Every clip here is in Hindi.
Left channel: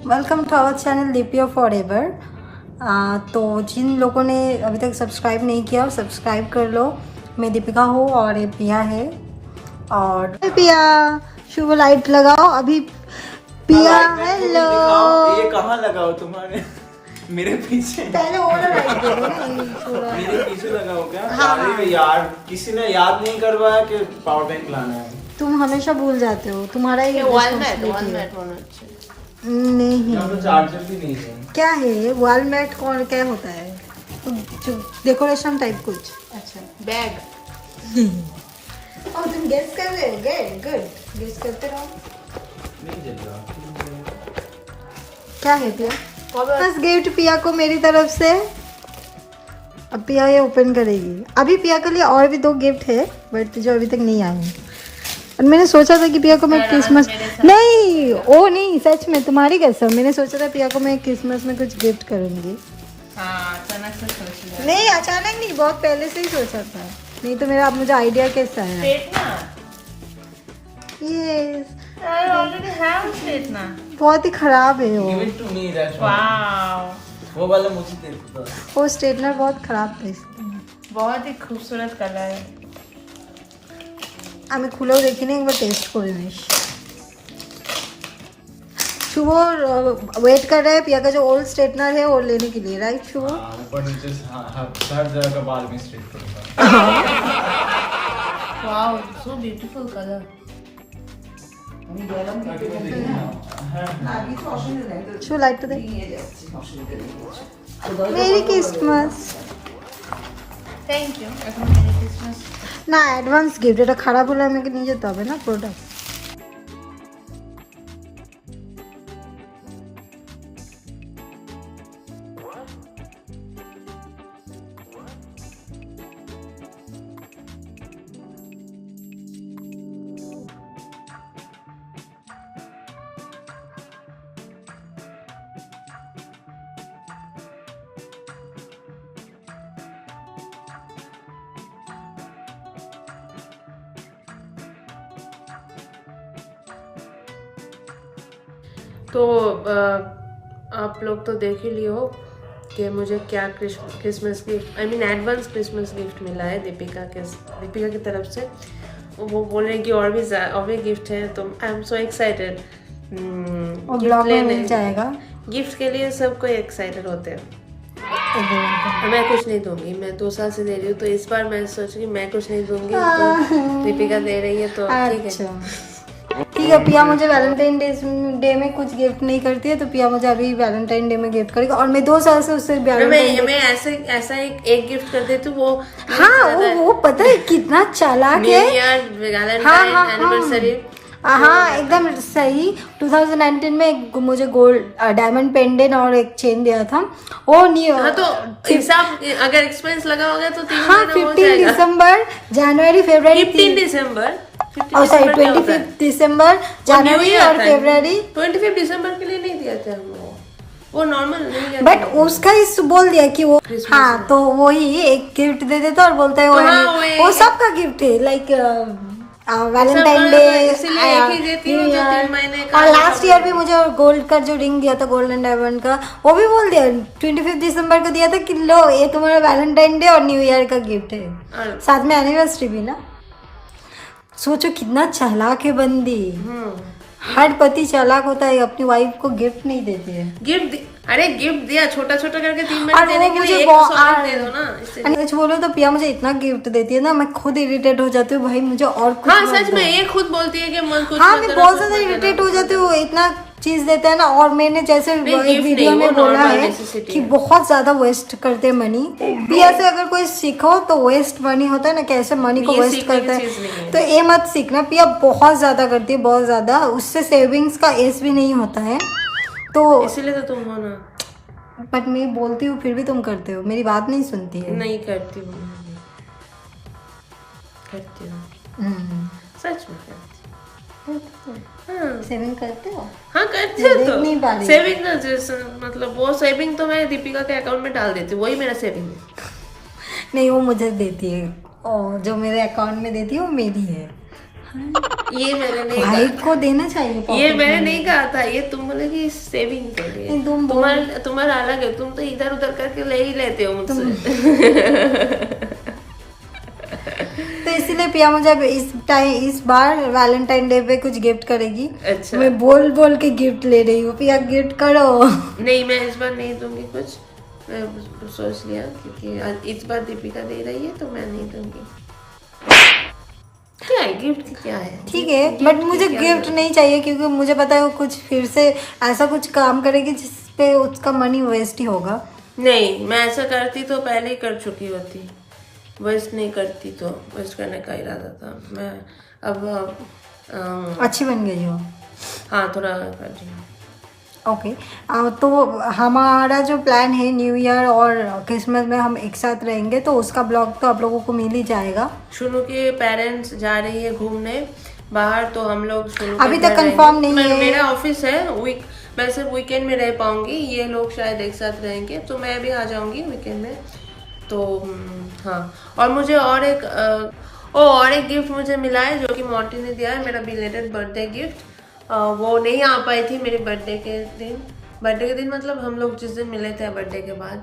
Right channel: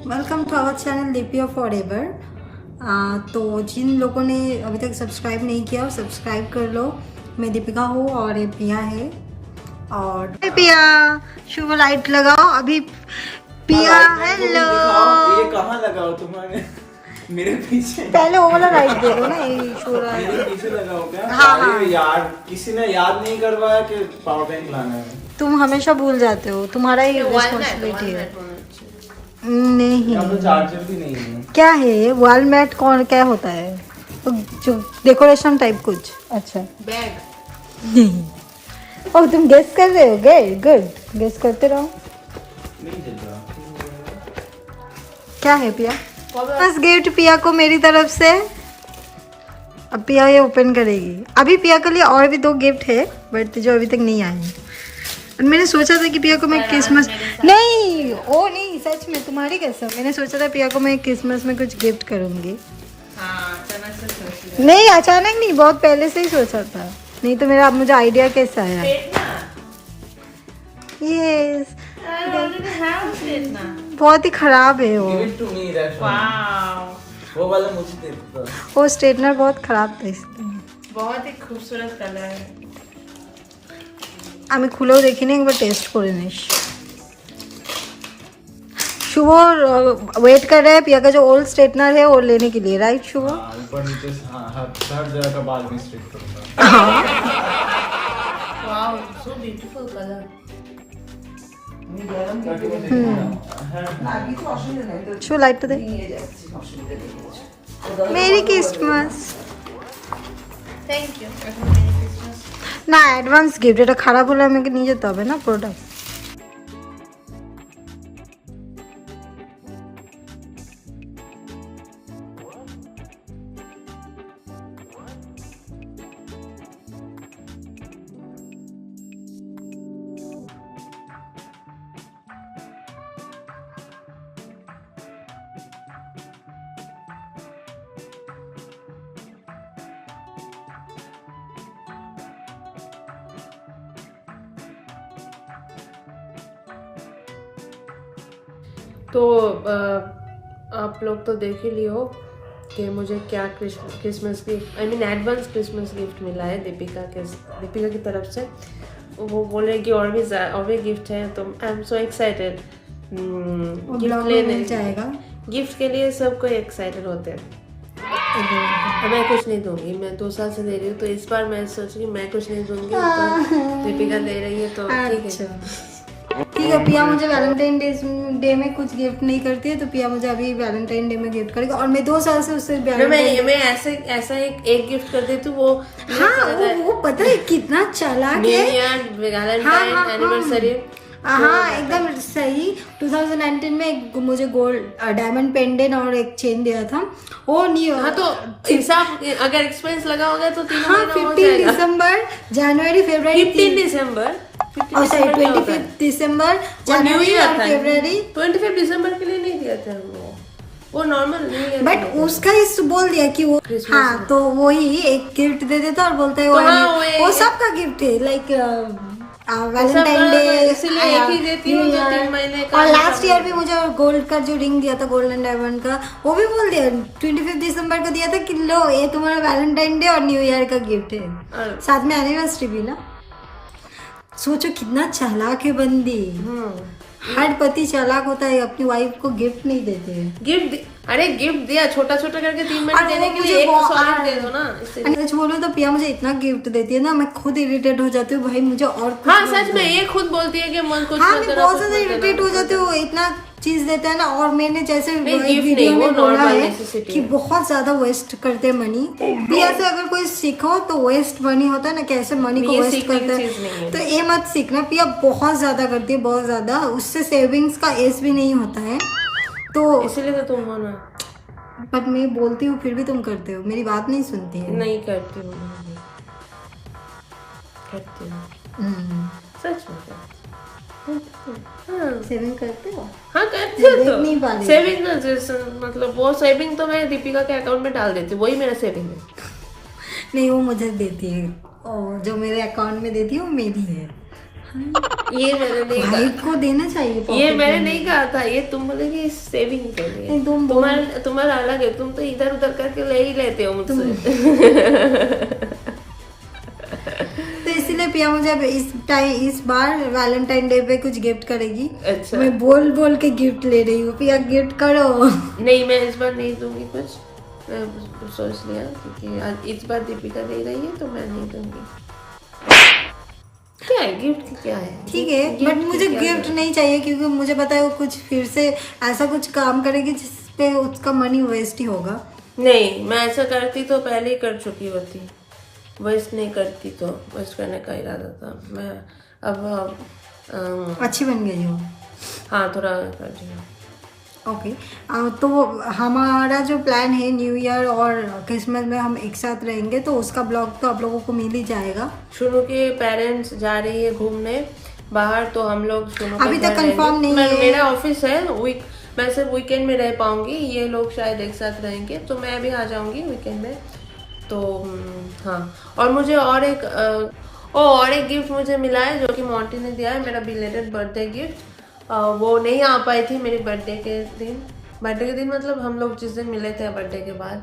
Welcome to our channel Deepiya forever. तो जिन लोगों ने अभी तक सब्सक्राइब नहीं किया सब्सक्राइब कर लो। मैं दीपिका हूँ और ये पिया है। और पिया शुभ लाइट लगाओ अभी। पिया हेलो। ये कहाँ लगाओ तुम्हारे? मेरे पीछे। पहले वो वाला लाइट दे दो ना। मेरे पीछे लगाओ क्या? हाँ, अरे यार किसी ने याद नहीं करवाया कि पावर बैंक लाना है। तुम हमेशा भूल जाते हो, तुम्हारा ही रिस्पॉन्सिबिलिटी है। नहीं चार्जर भी नहीं है। क्या है वॉल मैट? कौन क्या होता है? तो जो डेकोरेशन टाइप कुछ। अच्छा बैग। और तुम गेस कर रहे हो? गुड गेस करते रहो। नहीं चल रहा। क्या है पिया? बस गिफ्ट पिया को मेरी तरफ से। अब पिया ये ओपन करेगी। अभी पिया के लिए और भी 2 गिफ्ट है बट जो अभी तक नहीं आए हैं। और मैंने सोचा था कि पिया को मैं क्रिसमस नहीं वो नहीं सच में तुम्हारी कसम मैंने सोचा था पिया को मैं क्रिसमस में कुछ गिफ्ट करूंगी। नहीं अचानक नहीं, बहुत पहले से ही सोचा था। नहीं तो मेरा अब मुझे आइडिया कैसा आया? यस बहुत ही खराब है वो। Give it to me, that's one. वो वाला मुझे दे दो। वो स्ट्रेटनर बहुत खराब था इसलिए। बहुत ही खूबसूरत कलर है। আমি খুলেও দেখিনি, একবার টেস্ট করে নিস। शुभ वेट कर रहे हैं पिया का जो ओल्ड स्ट्रेटनर है वो लेने के लिए, राइट शुभ? ऊपर नीचे हर जगह का बाल भी स्ट्रेट करूंगा। Wow so beautiful colour. शुभ लाइट तो दे। Merry Christmas. Thank you. এখন মেরি ক্রিসমাস। না অ্যাডভান্স গিফট, এটা খারাপ হলে আমাকে নিয়ে যেতে হবে না প্রোডাক্ট। तो आप लोग तो देख ही लिए हो कि मुझे क्या Christmas gift I mean advance Christmas gift मिला है दीपिका की तरफ से। वो बोल रहे हैं कि और भी गिफ्ट है तो I am so excited. Gift लेने जाएगा। गिफ्ट के लिए सब कोई एक्साइटेड होते हैं। मैं कुछ नहीं दूंगी, मैं 2 साल से दे रही हूँ तो इस बार मैं सोच रही मैं कुछ नहीं दूंगी तो दीपिका दे रही है तो ठीक है। ठीक है पिया मुझे वैलेंटाइन डे में कुछ गिफ्ट नहीं करती है तो पिया मुझे अभी वैलेंटाइन डे में गिफ्ट करेगी। और मैं 2 साल से उससे मैं ऐसा एक गिफ्ट कर देती हूँ वो। हाँ वो पता है कितना चालाक है। New year Valentine anniversary. हाँ एकदम सही। 2019 में मुझे गोल्ड डायमंड पेंडेंट और एक चेन दिया था वो नहीं। हाँ तो हिसाब अगर एक्सपेंस लगा होगा तो 3 महीना हो 15 जाएगा। दिसंबर जनवरी फरवरी 15 दिसंबर दिसंबर न्यू ईयर और फरवरी 25 दिसंबर के लिए नहीं दिया था हम वो नॉर्मल न्यू ईयर। बट उसका इस बोल दिया कि वो हाँ तो वही एक गिफ्ट दे देता और बोलता है वो सबका गिफ्ट है लाइक वैलेंटाइन डे इसलिए एक ही देती हूँ जो 3 महीने का। और लास्ट ईयर भी मुझे गोल्ड का जो रिंग दिया था गोल्डन डायमंड का वो भी बोल दिया 25 दिसंबर को दिया था कि लो ये तुम्हारा वैलेंटाइन डे और न्यू ईयर का गिफ्ट है साथ में एनिवर्सरी भी ना। सोचो कितना चालाक है बंदी। हर पति चालाक होता है, अपनी वाइफ को गिफ्ट नहीं देते हैं। अरे गिफ्ट दिया छोटा छोटा करके 3 महीने देने के लिए एक सॉलिड दे दो ना। सच बोलो तो पिया मुझे इतना गिफ्ट देती है ना मैं खुद इरिटेट हो जाती हूँ भाई मुझे और कुछ। हाँ सच में ये खुद बोलती है कि मन कुछ हाँ मैं बहुत ज्यादा इरिटेट हो जाती हूँ इतना चीज देता है ना। और मैंने जैसे वीडियो में बोला है कि बहुत ज्यादा वेस्ट करते हैं मनी। पिया से अगर कोई सीखो तो वेस्ट मनी होता है ना, कैसे मनी को वेस्ट करते हैं तो ये मत सीखना। पिया बहुत ज्यादा करती है बहुत ज्यादा, उससे सेविंग्स का एज भी नहीं होता है तो इसीलिए तो तुम हो ना। बट मैं बोलती हूँ फिर भी तुम करते हो, मेरी बात नहीं सुनती है। नहीं करती हूँ सच में सेविंग करते हो? हाँ करती हो तो नहीं पा रही। सेविंग मतलब वो सेविंग तो मैं दीपिका के अकाउंट में डाल देती हूँ वही मेरा सेविंग है। नहीं वो मुझे देती है और जो मेरे अकाउंट में देती है वो मेरी है। ये मैंने नहीं भाई कहा, को देना चाहिए ये pocket मैंने money। नहीं कहा था, ये तुम बोले कि सेविंग के लिए। नहीं, तुम बोल- तुम्हारा अलग है, तुम तो इधर उधर करके ले ही लेते हो मुझसे। तो इसलिए पिया मुझे अब इस बार वैलेंटाइन डे पे कुछ गिफ्ट करेगी। अच्छा, मैं बोल बोल के गिफ्ट ले रही हूँ, पिया गिफ्ट करो। नहीं मैं इस बार नहीं दूंगी कुछ, मैं सोच लिया क्योंकि इस बार दीपिका दे रही है तो मैं नहीं दूंगी। क्या है गिफ्ट की, क्या है ठीक है, गिफ्ट बट की मुझे क्या गिफ्ट जरूरत? नहीं चाहिए क्योंकि मुझे पता है वो कुछ फिर से ऐसा कुछ काम करेगी जिसपे उसका मनी वेस्ट ही होगा। नहीं, मैं ऐसा करती तो पहले ही कर चुकी होती, वेस्ट नहीं करती, तो वेस्ट करने का इरादा था। मैं अब अच्छी बन गई हो। हाँ थोड़ा कर रही हूँ। ओके, तो हमारा जो प्लान है न्यू ईयर और क्रिसमस में हम एक साथ रहेंगे, तो उसका ब्लॉग तो आप लोगों को मिल ही जाएगा। शुनू के पेरेंट्स जा रही है घूमने बाहर, तो हम लोग शुनू के अभी घर तक कंफर्म रहेंगे। नहीं है। मेरा ऑफिस है, मैं सिर्फ वीकेंड में रह पाऊंगी, ये लोग शायद एक साथ रहेंगे, तो मैं भी आ जाऊंगी वीकेंड में। तो हाँ, और मुझे और एक गिफ्ट मुझे मिला है जो कि मोंटी ने दिया है, मेरा बिलेटेड बर्थडे गिफ्ट। वो नहीं आ पाई थी मेरे बर्थडे के दिन मतलब हम लोग जिस दिन मिले थे बर्थडे के बाद,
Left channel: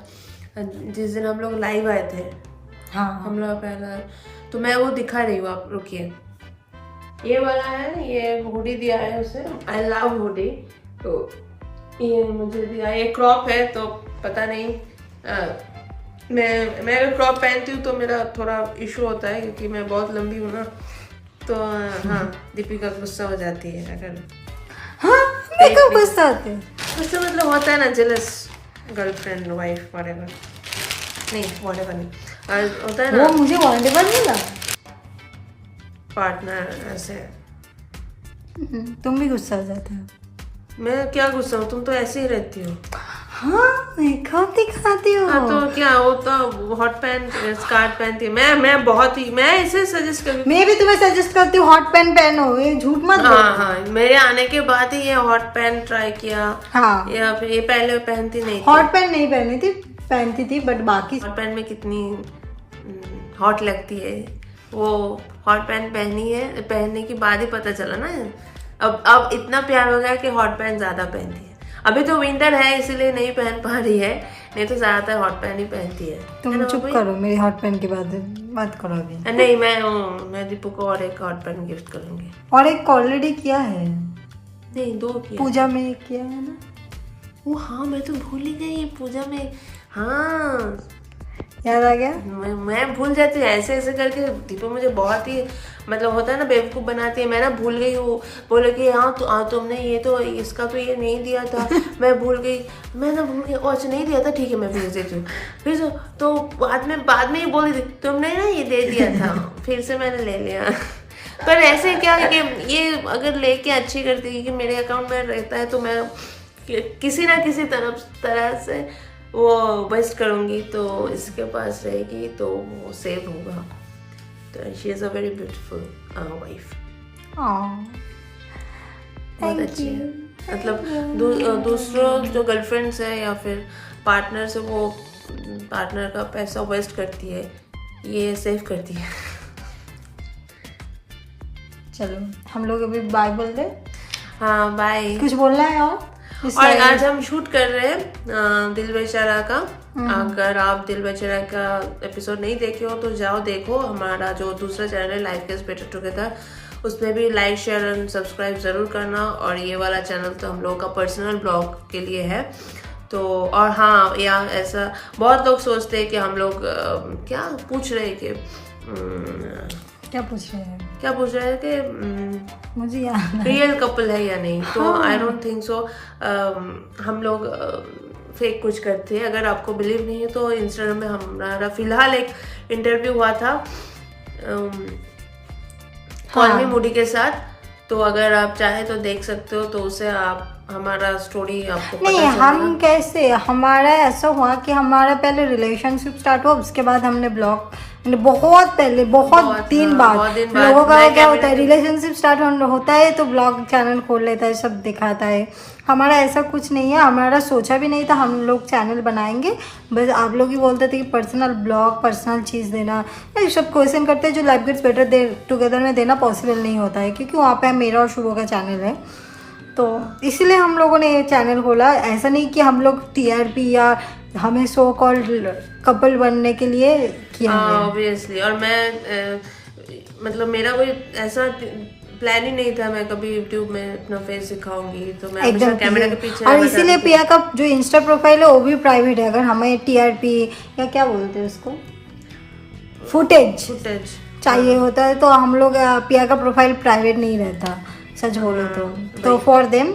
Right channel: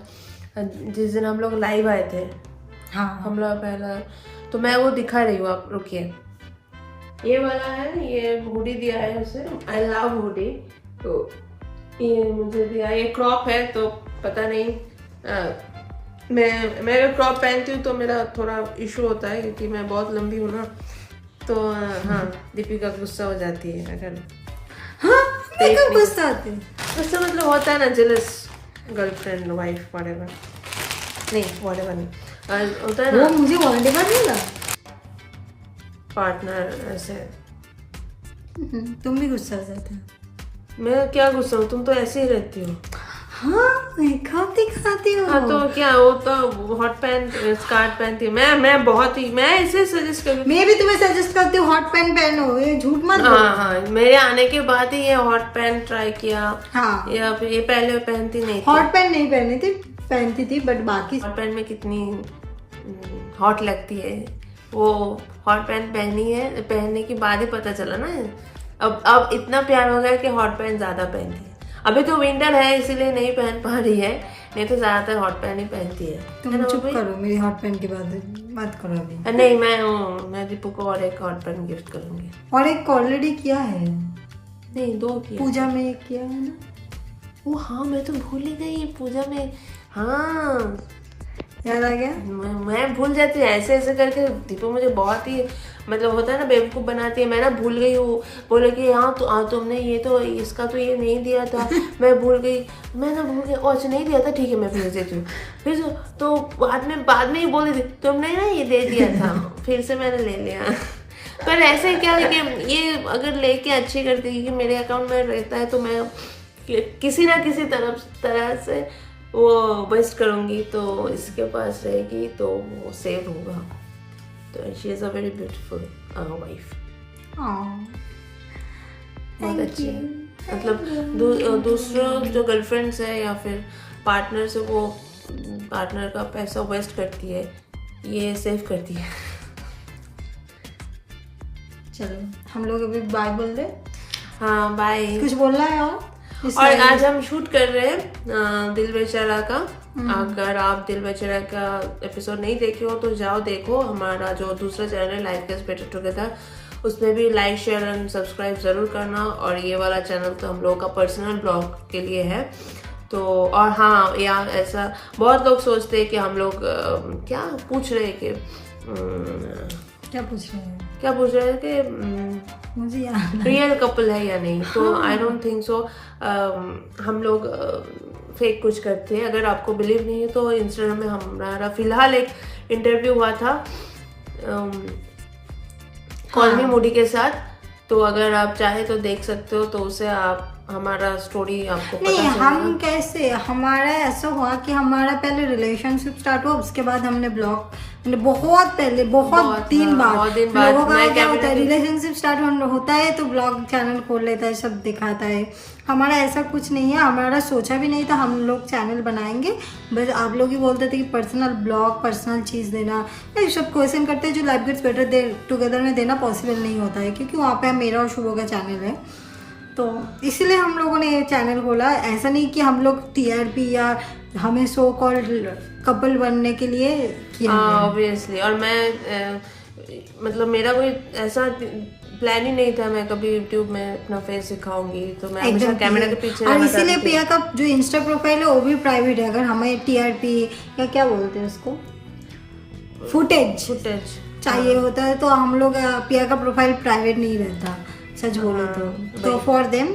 जिस दिन हम लोग लाइव आए थे, हाँ, हम लोग पहला, तो मैं वो दिखा रही हूँ, आप रुकिए। ये वाला है, ये हुडी दिया है उसे, आई लव हुडी, तो ये मुझे दिया, ये क्रॉप है तो पता नहीं, मैं अगर क्रॉप पहनती हूँ तो मेरा थोड़ा इशू होता है क्योंकि मैं बहुत लंबी हूँ ना, तो हाँ दीपिका गुस्सा हो जाती है अगर हाँ, पेट तो नहीं- गुस्सा आते। गुस्सा मतलब होता है ना, जेलस गर्लफ्रेंड वाइफ व्हाटएवर, नहीं व्हाटएवर नहीं, होता है वो ना मुझे वॉन्डेबल मिला। पार्टनर ऐसे। तुम भी गुस्सा हो जाते हो। मैं क्या गुस्सा हूँ, तुम तो ऐसे ही रहती हो। हाँ, मेकअप दिखाती हो। हाँ तो क्या, वो तो हॉट पैंट स्कर्ट पहनती है, मैं बहुत ही, मैं इसे सजेस्ट करूँगी। मैं भी तुम्हें सजेस्ट करती हूँ हॉट पैंट पहनो, ये झूठ मत बोलो। हाँ, मेरे आने के बाद ही ये हॉट पैंट ट्राई किया, हाँ, या फिर ये पहले पहनती नहीं थी। हॉट पैंट नहीं पहनती थी बट बाकी हॉट पैंट में कितनी हॉट लगती है, वो हॉट पैंट पहनी है, पहनने के बाद ही पता चला ना, अब इतना प्यार हो गया कि हॉट पैंट ज्यादा पहनती है। अभी तो विंटर है इसीलिए नहीं पहन पा रही है, नहीं तो ज्यादातर हॉट पैंट ही पहनती है तुम ना चुप भाई? करो, मेरी हॉट पैंट की बात करो अभी। नहीं, मैं दीपू को और एक हॉट पैंट गिफ्ट करूंगी। और एक ऑलरेडी किया है, नहीं, 2 किया। पूजा में एक किया है ना। वो हाँ, मैं तो भूल ही गई पूजा में। हाँ, याद आ गया। मैं भूल जाती हूँ ऐसे ऐसे करके, दीपू मुझे बहुत ही मतलब होता है ना बेवकूफ़ बनाती है। मैं ना भूल गई हूँ, बोले कि हाँ तो तुमने ये तो इसका तो ये नहीं दिया था, मैं भूल गई, मैं ना भूल गई, ओ अच्छा नहीं दिया था, ठीक है मैं भेज देती हूँ। फिर तो बाद में ही बोली थी तुमने ना ये दे दिया था, फिर से मैंने ले लिया। पर ऐसे क्या है कि ये अगर लेके अच्छी करती है कि मेरे अकाउंट में रहता है तो मैं किसी ना किसी तरह से वो वेस्ट करूँगी, तो इसके पास रहेगी तो वो सेव होगा। तो she is a very beautiful wife, बहुत अच्छी है। मतलब दूसरों जो गर्लफ्रेंड्स है या फिर पार्टनर से वो पार्टनर का पैसा वेस्ट करती है, ये सेव करती है। चलो हम लोग अभी बाय बोल दे। हाँ बाय। कुछ बोलना है और आज हम शूट कर रहे हैं दिल बेचारा का। अगर आप दिल बेचारा का एपिसोड नहीं देखे हो तो जाओ देखो, हमारा जो दूसरा चैनल है लाइफ गेट्स बेटर टुगेदर, उसमें भी लाइक शेयर एंड सब्सक्राइब ज़रूर करना। और ये वाला चैनल तो हम लोगों का पर्सनल ब्लॉग के लिए है। तो और हाँ, या ऐसा बहुत लोग सोचते हैं कि हम लोग क्या पूछ रहे हैं कि क्या पूछ रहे हैं कि मुझे याद रियल कपल है या नहीं। तो आई डोंट थिंक सो। हम लोग फेक कुछ करते हैं। अगर आपको बिलीव नहीं है तो इंस्टाग्राम में हमारा फिलहाल एक इंटरव्यू हुआ था कॉल मी मूडी के साथ, तो अगर आप चाहे तो देख सकते हो, तो उसे आप हमारा स्टोरी आपको पता नहीं, चलेगा। हम कैसे, हमारा ऐसा हुआ कि हमारा पहले रिलेशनशिप स्टार्ट हुआ, उसके बाद हमने ब्लॉग, बहुत पहले बहुत दिन बाद लोगों का क्या होता है, रिलेशनशिप स्टार्ट होता है तो ब्लॉग चैनल खोल लेता है, सब दिखाता है। हमारा ऐसा कुछ नहीं है, हमारा सोचा भी नहीं था हम लोग चैनल बनाएंगे। बस आप लोग ही बोलते थे कि पर्सनल ब्लॉग, पर्सनल चीज़ देना, ये सब क्वेश्चन करते हैं जो लाइफ गेट्स बेटर टुगेदर में देना पॉसिबल नहीं होता है, क्योंकि वहाँ पे मेरा और शुभो का चैनल है। तो इसीलिए हम लोगों ने ये चैनल खोला। ऐसा नहीं कि हम लोग TRP या हमें सो कॉल्ड कपल बनने के लिए किया है। ऑब्वियसली। और मैं मतलब मेरा कोई ऐसा प्लान ही नहीं था मैं कभी यूट्यूब में अपना फेस दिखाऊंगी, तो मैं हमेशा कैमरा के पीछे और रहना इसीलिए चाहती थी। पिया का जो इंस्टा प्रोफाइल है वो भी प्राइवेट है। अगर हमें TRP या क्या बोलते हैं उसको, फुटेज चाहिए होता है तो हम लोग पिया का प्रोफाइल प्राइवेट नहीं रहता, सच बोले तो for them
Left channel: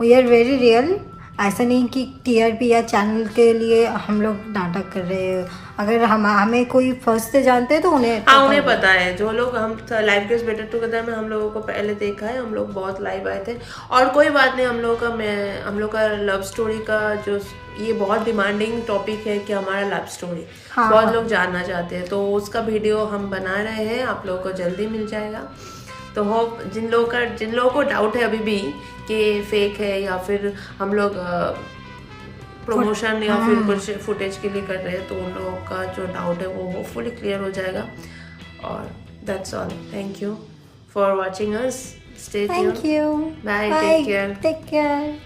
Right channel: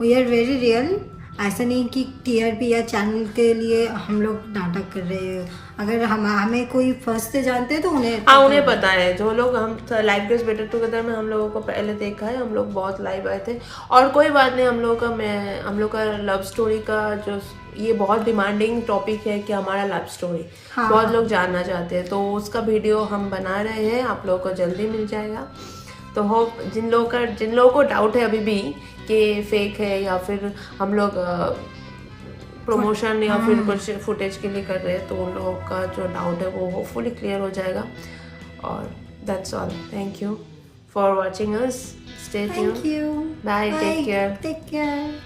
we are very real. ऐसा नहीं कि TRP या चैनल के लिए हम लोग नाटक कर रहे हैं। अगर हमें कोई फर्स्ट से जानते हैं तो उन्हें पता है। जो लोग हम लाइफ गेट्स बेटर टुगेदर में हम लोगों को पहले देखा है, हम लोग बहुत लाइव आए थे। और कोई बात नहीं, हम लोग का लव स्टोरी का जो ये बहुत डिमांडिंग टॉपिक है कि हमारा लव स्टोरी बहुत लोग जानना चाहते हैं, तो उसका वीडियो हम बना रहे हैं, आप लोगों को जल्दी मिल जाएगा। तो होप जिन लोगों को डाउट है अभी भी कि फेक है या फिर हम लोग प्रमोशन या फिर कुछ फुटेज के लिए कर रहे हैं, तो उन लोगों का जो डाउट है वो होपफुली क्लियर हो जाएगा। और that's all. Thank you for watching us. Stay tuned. Thank you. Bye. Take care. Take care.